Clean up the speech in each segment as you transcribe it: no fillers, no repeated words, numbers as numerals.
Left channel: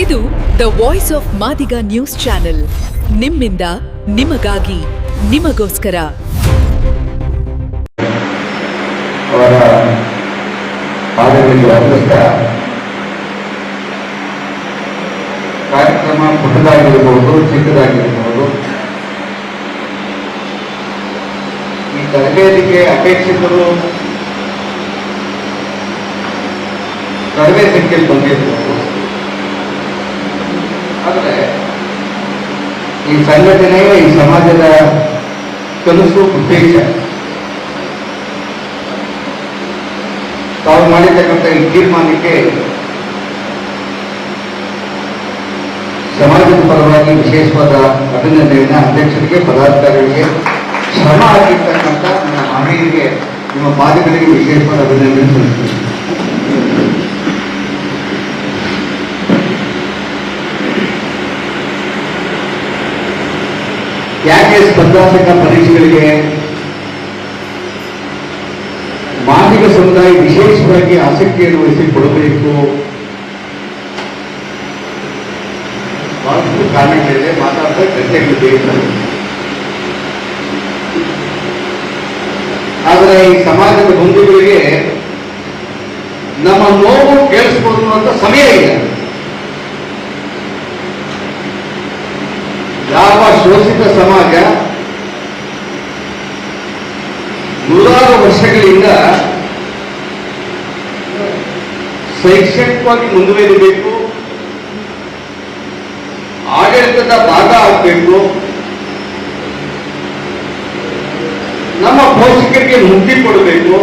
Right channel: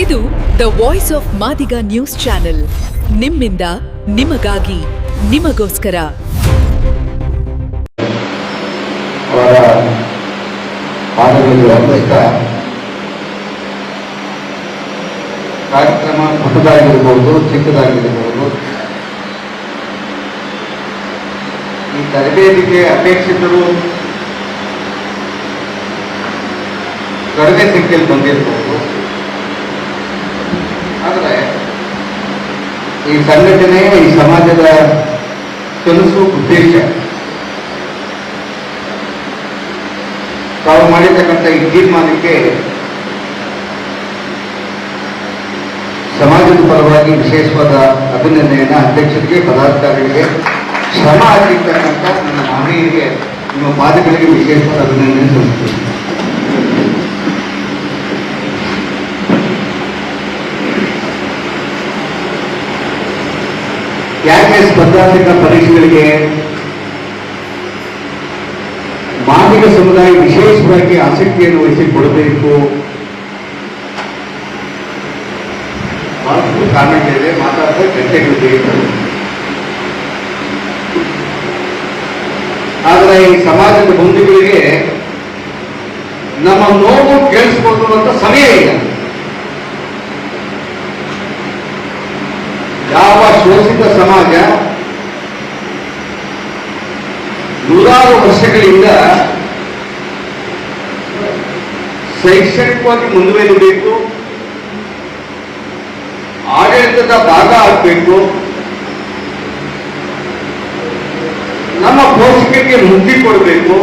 ಇದು the voice of Madiga news channel. ನಿಮ್ಮಿಂದ ನಿಮಗಾಗಿ ನಿಮಗೋಸ್ಕರ. ಅವರ ಪಾದಗಳಿಗೆ ಅನೇಕ ಕಾರ್ಯಕ್ರಮ ಪುಟ್ಟದಾಗಿರ್ಬೋದು, ಚಿಕ್ಕದಾಗಿರ್ಬೋದು. ಈ ತರಬೇತಿಗೆ ಅಪೇಕ್ಷಿತರು ಕಡಿಮೆ ಸಂಖ್ಯೆಯಲ್ಲಿ ಬಂದಿರಬಹುದು. ಆದರೆ ಈ ಸಂಘಟನೆ, ಈ ಸಮಾಜದ ಕೆಲಸ ಉದ್ದೇಶ, ತಾವು ಮಾಡಿರ್ತಕ್ಕಂಥ ಈ ತೀರ್ಮಾನಕ್ಕೆ ಸಮಾಜದ ಪರವಾಗಿ ವಿಶೇಷವಾದ ಅಭಿನಂದನೆಯನ್ನ ಅಧ್ಯಕ್ಷರಿಗೆ, ಪದಾಧಿಕಾರಿಗಳಿಗೆ, ಶ್ರಮ ಹಾಕಿರ್ತಕ್ಕಂಥ ನಿಮ್ಮ ಮಹಿಳೆಯರಿಗೆ, ನಿಮ್ಮ ಪಾದಗಳಿಗೆ ವಿಶೇಷವಾದ ಅಭಿನಂದನೆ ಸಲ್ಲಿಸುತ್ತೇನೆ. ಯಾಕೆ ಸ್ಪರ್ಧಾತ್ಮಕ ಪರೀಕ್ಷೆಗಳಿಗೆ ಮಾದಿಗ ಸಮುದಾಯ ವಿಶೇಷವಾಗಿ ಆಸಕ್ತಿಯನ್ನು ವಹಿಸಿಕೊಡಬೇಕು? ಬಹಳಷ್ಟು ಕಾರಣಗಳಿವೆ, ಮಾತಾಡುವ ಚರ್ಚೆಗಳು ಬೇಕು. ಆದರೆ ಈ ಸಮಾಜದ ಬಂಧುಗಳಿಗೆ ನಮ್ಮ ನೋವು ಕೇಳಿಸಿಕೊಳ್ಳುವಂತ ಸಮಯ ಇಲ್ಲ. ಯಾವ ಶೋಷಿತ ಸಮಾಜ ನೂರಾರು ವರ್ಷಗಳಿಂದ ಶೈಕ್ಷಣಿಕವಾಗಿ ಮುಂದುವರಿಯಬೇಕು, ಆಡಳಿತದ ಭಾಗ ಆಗಬೇಕು, ನಮ್ಮ ಪೋಷಕರಿಗೆ ಮುಕ್ತಿ ಕೊಡಬೇಕು,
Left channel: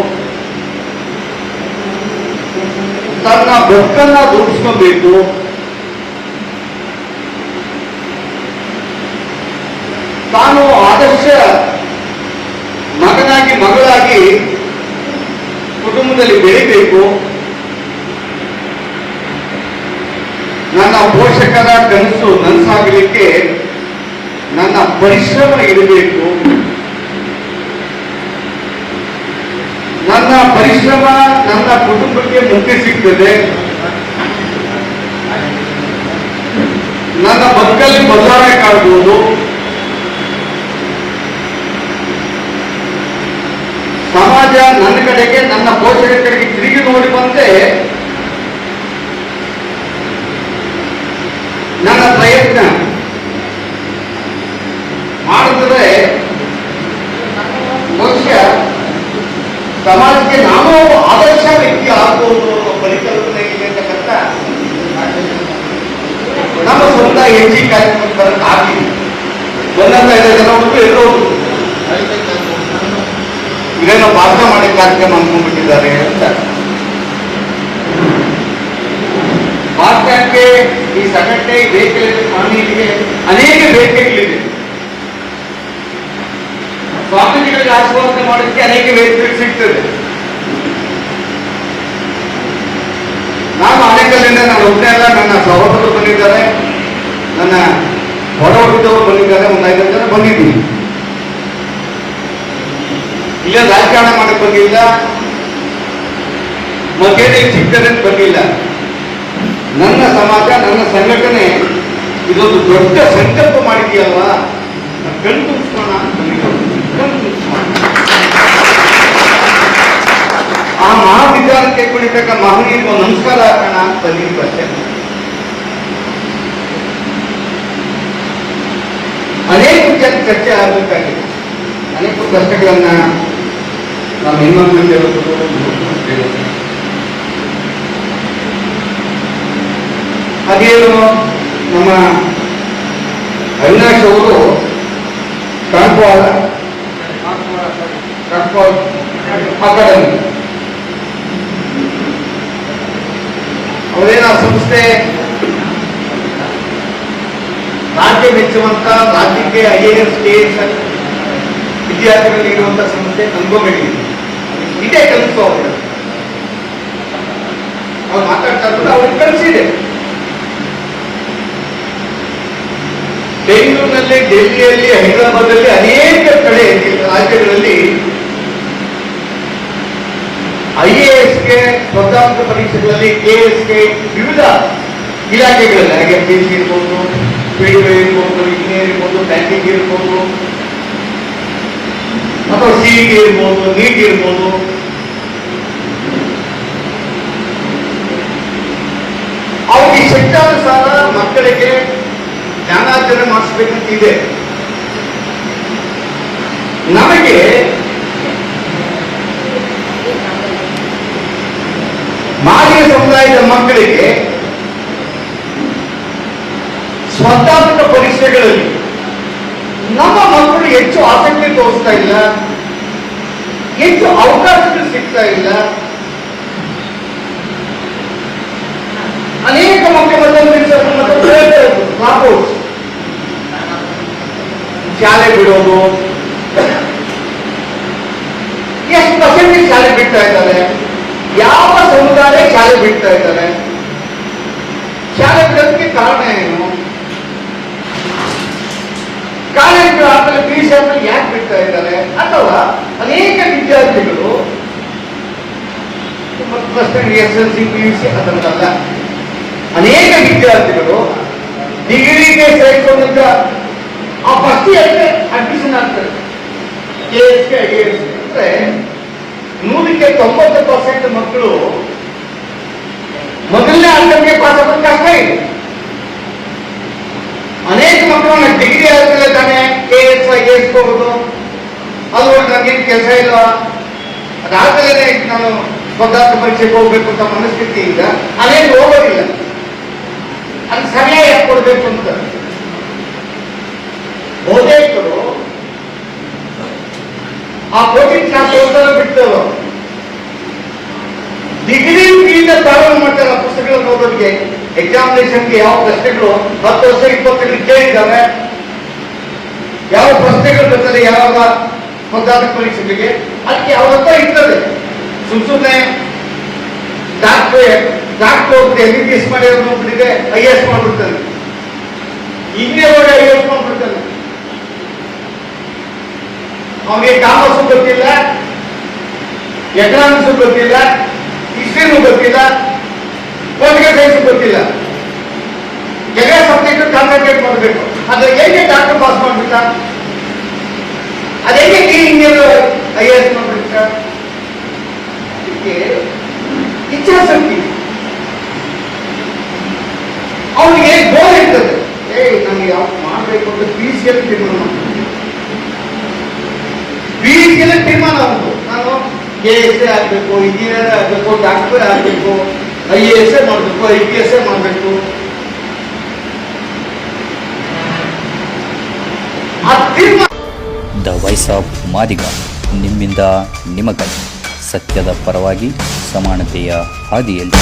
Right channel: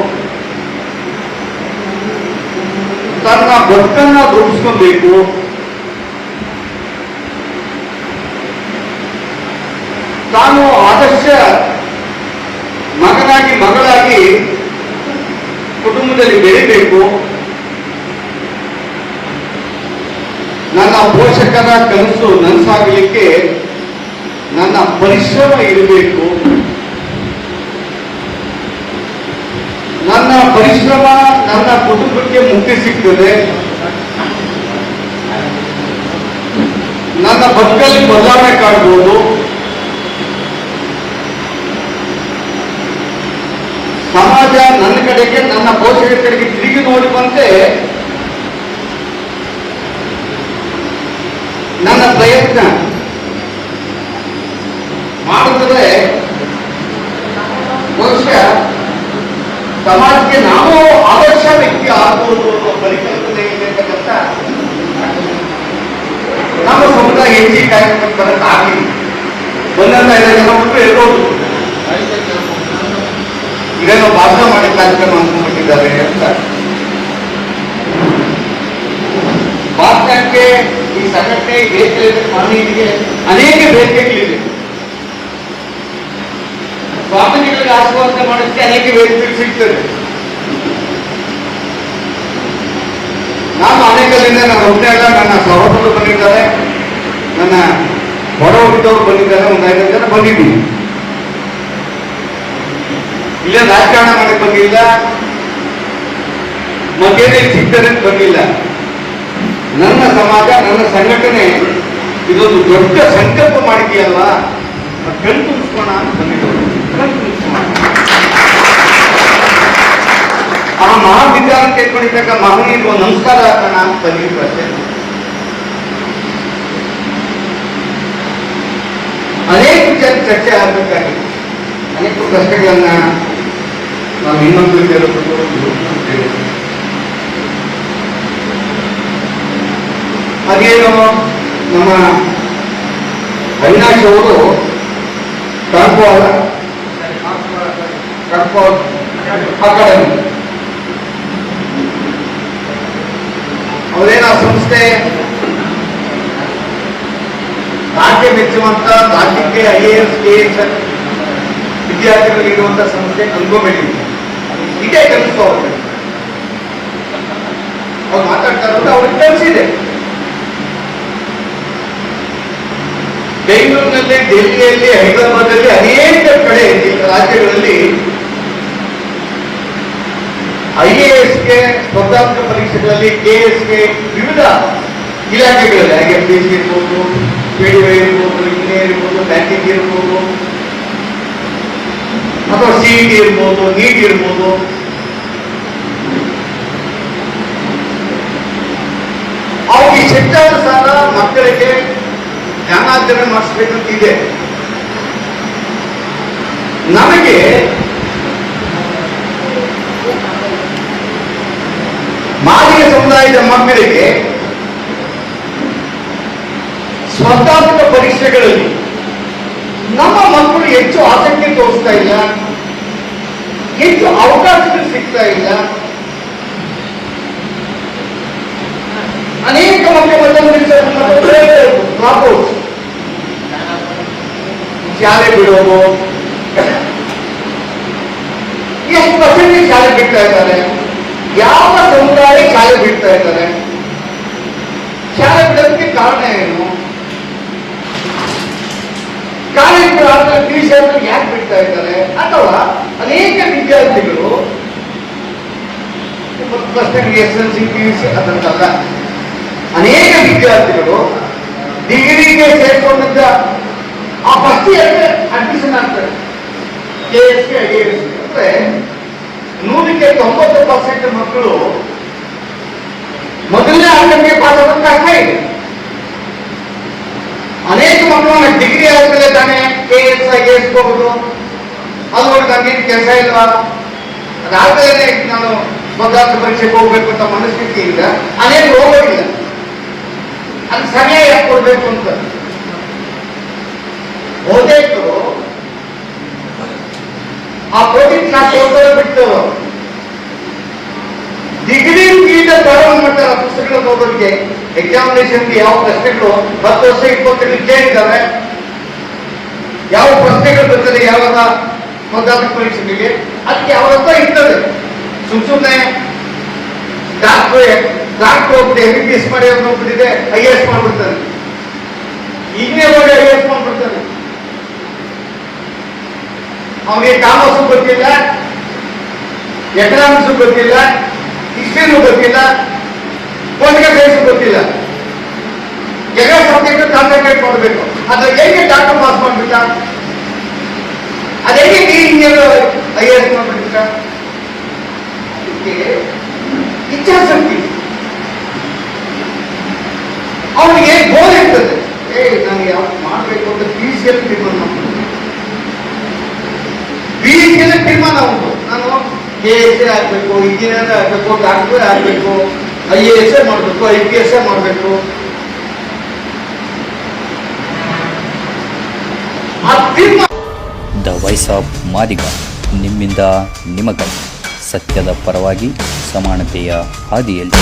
ತನ್ನ ಬದುಕನ್ನ ರೂಪಿಸ್ಕೋಬೇಕು, ತಾನು ಆದರ್ಶ ಮಗನಾಗಿ, ಮಗಳಾಗಿ ಕುಟುಂಬದಲ್ಲಿ ಬೆಳಿಬೇಕು, ನನ್ನ ಪೋಷಕರ ಕನಸು ನನಸಾಗಲಿಕ್ಕೆ ನನ್ನ ಪರಿಶ್ರಮ ಇರಬೇಕು, ನನ್ನ ಪರಿಶ್ರಮ ನನ್ನ ಕುಟುಂಬಕ್ಕೆ ಮುಕ್ತಿ ಸಿಗ್ತದೆ, ನನ್ನ ಬದುಕಲ್ಲಿ ಬದಲಾವಣೆ ಕಾಣಬಹುದು, ಸಮಾಜ ನನ್ನ ಕಡೆಗೆ, ನನ್ನ ಪೋಷಕರ ಕಡೆಗೆ ತಿರುಗಿ ನೋಡುವಂತೆ ನನ್ನ ಪ್ರಯತ್ನ ಮಾಡಿದ್ರೆ ಬಹುಶಃ ಸಮಾಜಕ್ಕೆ ನಾವು ಆದರ್ಶ ವ್ಯಕ್ತಿ ಆಗಬಹುದು ಪರಿಕಲ್ಪನೆ ಇರತಕ್ಕಂಥ ನಮ್ಮ ಸಮುದಾಯ ಹೆಚ್ಚಿಗೆ ಕಾರ್ಯಕ್ರಮ ಆಗಲಿ. ಒಂದೊಂದು 5 ಜನ ಬಿಟ್ಟು ಇರೋದು ಇವೇನೋ ಭಾಷಣ ಮಾಡಿ ಕಾರ್ಯಕ್ರಮ ಅನ್ಕೊಂಡ್ಬಿಟ್ಟಿದ್ದಾರೆ ಅಂತ. ಭಾಷಣಕ್ಕೆ ಈ ಸಂಘಟನೆ ಬೇಕೆಗಳಿದೆ, ಮಾನವೀಯತೆಗೆ ಅನೇಕ ಬೇಡಿಕೆಗಳಿವೆ. ಸ್ವಾಮೀಜಿಗಳಿಗೆ ಆಶೀರ್ವಾದ ಮಾಡೋದಕ್ಕೆ ಅನೇಕ ವೇದಿಕೆಗಳು ಸಿಗ್ತದೆ. ನಾನು ಅನೇಕರಿಂದ ನಾನು ಒಬ್ಬನೇ ಅಲ್ಲ, ನನ್ನ ಸಹೋದರರು ಬಂದಿದ್ದಾರೆ, ನನ್ನ ಹೊರ ಹೋಗಿದ್ದವರು ಬಂದಿದ್ದಾರೆ, ಒಂದು 5 ಜನ ಬಂದಿದ್ದೀವಿ. ಇಲ್ಲ ರಾಜಕಾರಣ ಮಾಡಕ್ಕೆ ಬಂದಿಲ್ಲ, ಮಧ್ಯದಲ್ಲಿ ಸಿಗ್ತದೆ ಅಂತ ಬಂದಿಲ್ಲ. ನನ್ನ ಸಮಾಜ, ನನ್ನ ಸಂಘಟನೆ ಇದೊಂದು ದೊಡ್ಡ ಸಂಕಲ್ಪ ಮಾಡಿದೆಯಲ್ವಾ, ಕಣ್ ತುಂಬಿಸೋಣ ಅಂತ ಬಂದಿದ್ದವರು. ಆ ಮಹಾವಿದ್ಯಾಲಯಕ್ಕೆ ಕೊಡಿತಕ್ಕ ಮಹನೀಯರಿಗೆ ನಮಸ್ಕಾರ ಹಾಕೋಣ ಅಂತ ಬಂದಿದ್ದು ಅಷ್ಟೇ. ಅನೇಕ ವಿಚಾರ ಚರ್ಚೆ ಆಗಬೇಕಾಗಿದೆ. ಅನೇಕ ಕಷ್ಟಗಳನ್ನ ನಾವು ಇನ್ನೊಂದು ಅದೇನು ನಮ್ಮ ಅವಿನಾಶ್ ಅವರು ಕಾಂಪವಾಳ ಅಕಾಡೆಮಿ ಅವರೇನ ಸಂಸ್ಥೆ ರಾಜ್ಯ ಮೆಚ್ಚುವಂತ, ರಾಜ್ಯಕ್ಕೆ IAS KS ವಿದ್ಯಾರ್ಥಿಗಳಿಗೆ ಇರುವಂತಹ ಸಂಸ್ಥೆ ಅನ್ಕೋಬೇಕು. ಇದೇ ಕೆಲಸ ಅವ್ರು ಮಾತಾಡ್ತಾರಂದ್ರೆ ಅವ್ರಿಗೆ ಕೆಲಸಿದೆ. ಬೆಂಗಳೂರಿನಲ್ಲಿ, ಡೆಲ್ಲಿಯಲ್ಲಿ, ಹೈದರಾಬಾದಲ್ಲಿ ಅನೇಕ ಕಡೆ ರಾಜ್ಯಗಳಲ್ಲಿ IASಗೆ ಸ್ಪರ್ಧಾತ್ಮಕ ಪರೀಕ್ಷೆಗಳಲ್ಲಿ, KSಗೆ ವಿವಿಧ ಇಲಾಖೆಗಳಲ್ಲಿ ಹಾಗೆ ಪಿ.ಸಿ ಇರ್ಬೋದು, PDO ಇರ್ಬೋದು, ಇಂಜಿನಿಯರ್ ಇರ್ಬೋದು, ಬ್ಯಾಂಕಿಂಗ್ ಇರ್ಬೋದು, ಅಥವಾ CET ಇರ್ಬೋದು, ನೀಟ್ ಇರ್ಬೋದು. ಅವ್ರಿಗೆ ಶಕ್ತಾನುಸಾರ ಮಕ್ಕಳಿಗೆ ಜ್ಞಾನಾರ್ಜನೆ ಮಾಡಿಸ್ಬೇಕಂತ ಇದೆ. ನಮಗೆ ಮಾದಿಗ ಸಮುದಾಯದ ಮಕ್ಕಳಿಗೆ ಸ್ಪರ್ಧಾತ್ಮಕ ಪರೀಕ್ಷೆಗಳಲ್ಲಿ ನಮ್ಮ ಮಕ್ಕಳು ಹೆಚ್ಚು ಆಸಕ್ತಿ ತೋರಿಸ್ತಾ ಇಲ್ಲ, ಹೆಚ್ಚು ಅವಕಾಶಗಳು ಸಿಗ್ತಾ ಇಲ್ಲ. ಅನೇಕ ಮಕ್ಕಳು ಶಾಲೆ ಬಿಡೋದು, ಎಷ್ಟು ಪರ್ಸೆಂಟೇಜ್ ಶಾಲೆ ಬಿಡ್ತಾ ಇದ್ದಾರೆ, ಯಾವ ಸಮುದಾಯ ಶಾಲೆ ಬಿಡ್ತಾ ಇದ್ದಾರೆ, ಶಾಲೆ ಬಿಡೋದಕ್ಕೆ ಕಾರಣ ಏನು, ಕಾಲೇಜುಗಳು ಆದ್ಮೇಲೆ PUC ಆದ್ಮೇಲೆ ಯಾಕೆ ಬಿಡ್ತಾ ಇದ್ದಾರೆ, ಅಥವಾ ಅನೇಕ ವಿದ್ಯಾರ್ಥಿಗಳು SSLC PUC ಅದಂತಲ್ಲ, ಅನೇಕ ವಿದ್ಯಾರ್ಥಿಗಳು ಡಿಗ್ರಿಗೆ ಸೇರ್ಕೊಂಡಿದ್ದ ಆ ಫಸ್ಟ್ ಇಯರ್ಗೆ ಅಡ್ಮಿಷನ್ ಆಗ್ತಾರೆ. KSಗೆ IAS ಅಂದ್ರೆ 100ಕ್ಕೆ 90% ಮಕ್ಕಳು ಮೊದಲನೇ ಅಟೆಂಪ್ಟ್ಗೆ ಪಾಸ್ ಆಗೋದು ಕಷ್ಟ ಇದೆ. ಅನೇಕ ಮಕ್ಕಳು ಡಿಗ್ರಿ ಆದ್ರೆ ತಾನೇ KS IAS ಹೋಗುದು, ಅದು ನನಗೇನು ಕೆಲಸ ಇಲ್ಲ, ಅದಾದ್ಮೇಲೆ ನಾನು ಸ್ಪರ್ಧಾತ್ಮಕ ಪರೀಕ್ಷೆಗೆ ಹೋಗ್ಬೇಕು ಅಂತ ಮನಸ್ಥಿತಿ ಈಗ ಅನೇಕ ಹೋಗೋದಿಲ್ಲ. ಅದು ಸಮಯ ಯಾಕೆ ಕೊಡ್ಬೇಕು ಅಂತ ಓದೇಕರು ಆ ಕೋಚಿಂಗ್ ಕ್ಲಾಸ್ ಬಿಟ್ಟು ಡಿಗ್ರಿ ಪ್ರಾರಂಭ ಮಾಡ್ತಾರೆ. ಪುಸ್ತಕಗಳು ಓದೋದಕ್ಕೆ ಎಕ್ಸಾಮಿನೇಷನ್ಗೆ ಯಾವ ಪ್ರಶ್ನೆಗಳು 10 ವರ್ಷ 20 ತಿಂಗಳು ಕೇಳಿದ್ದಾರೆ, ಯಾವ ಪ್ರಶ್ನೆಗಳು ಬರ್ತದೆ ಯಾವಾಗ ಸ್ಪರ್ಧಾತ್ಮಕ ಪರೀಕ್ಷೆಗಳಿಗೆ, ಅದಕ್ಕೆ ಅವರಪ್ಪ ಇರ್ತದೆ. ಸುಮ್ಮನೆ ಡಾಕ್ಟರ್ ಹೋಗ್ಬಿಟ್ಟು MBBS ಮಾಡಿ ಹೋಗ್ಬಿಟ್ಟಿದೆ IAS ಮಾಡ್ಬಿಡ್ತಾರೆ, ಈಗಲೇ ಹೋಗಿ IAS ಮಾಡ್ಬಿಡ್ತಾರೆ. ಅವನಿಗೆ ಕಾಮರ್ಸು ಗೊತ್ತಿಲ್ಲ, ಎಕನಾಮಿಕ್ಸ್ ಗೊತ್ತಿಲ್ಲ, ಹಿಸ್ಟ್ರಿನೂ ಗೊತ್ತಿಲ್ಲ, ಪೊಲಿಟಿಕಲ್ ಸೈನ್ಸ್ ಗೊತ್ತಿಲ್ಲ, ಎಲ್ಲ ಸಬ್ಜೆಕ್ಟ್ ಕಾನ್ಸಂಟ್ರೇಟ್ ಮಾಡಬೇಕು. ಅದ್ರ ಹೇಗೆ ಡಾಕ್ಟರ್ ಪಾಸ್ ಮಾಡ್ಬಿಟ್ಟ, ಅದೇಗೆ ಇಂಜಿನಿಯರ್ IAS ಮಾಡ್ಬಿಟ್ಟ. ಇಚ್ಛಾಶಕ್ತಿ ಅವನಿಗೆ ಗೋಲ್ ಇರ್ತದೆ, ನನಗೆ ಯಾವತ್ತು ಮಾಡಬೇಕು ಅಂತ PUCಯಲ್ಲಿ ತೀರ್ಮಾನ ಮಾಡ್ತಾರೆ. PUCಯಲ್ಲಿ ತೀರ್ಮಾನ ಉಂಟು, ನಾನು KS ಆಗ್ಬೇಕು, ಇಂಜಿನಿಯರ್ ಆಗ್ಬೇಕು, ಡಾಕ್ಟರ್ ಆಗ್ಬೇಕು, IAS ಮಾಡಬೇಕು, IPS ಮಾಡಬೇಕು. ದ ವಾಯ್ಸ್ ಆಫ್ ಮಾದಿಗ, ನಿಮ್ಮಿಂದ ನಿಮಗಾಗಿ, ಸತ್ಯದ ಪರವಾಗಿ, ಸಮಾನತೆಯ ಹಾದಿಯಲ್ಲಿ.